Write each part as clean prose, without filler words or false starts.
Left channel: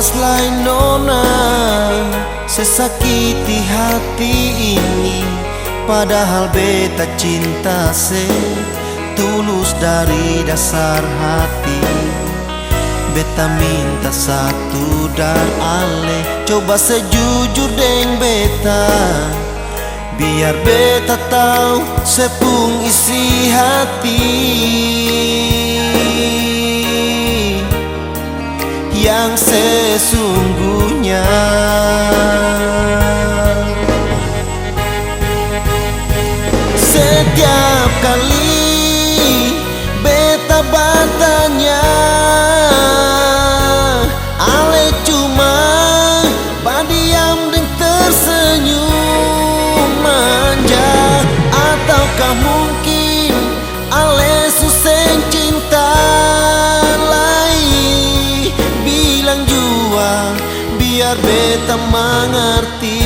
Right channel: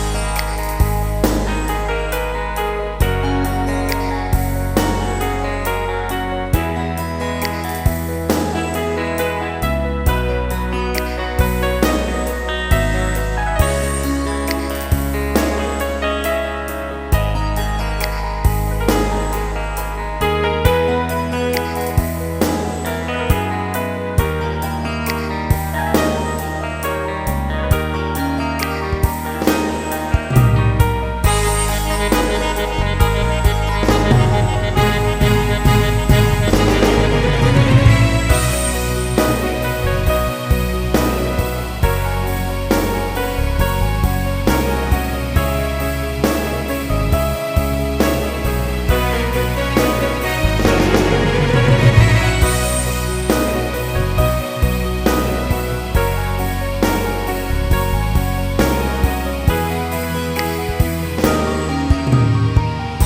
awas lain nona, sesakiti hati ini. Padahal beta cinta tulus dari dasar hati. Beta minta satu dan ale, coba sejujur deng beta, biar beta tahu sepung isi hati yang sesungguhnya. Setiap kali beta bertanya, ale cuma padiam dan tersenyum manja. Ataukah mungkin ale susah cinta lagi? Bilang jua biar beta mengerti.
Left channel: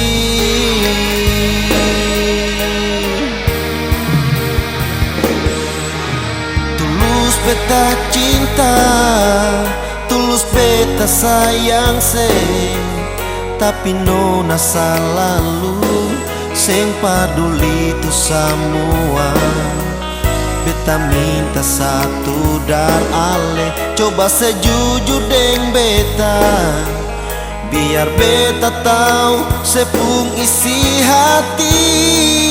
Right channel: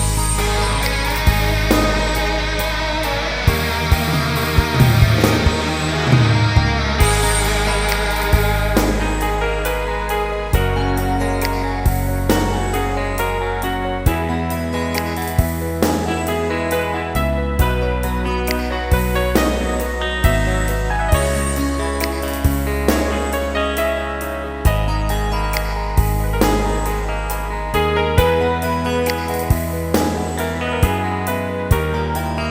Tulus beta cinta, tulus beta sayang tapi nona selalu seng peduli itu semua. Beta minta satu dan ale, coba sejujur deng beta, biar beta tahu sepung isi hati.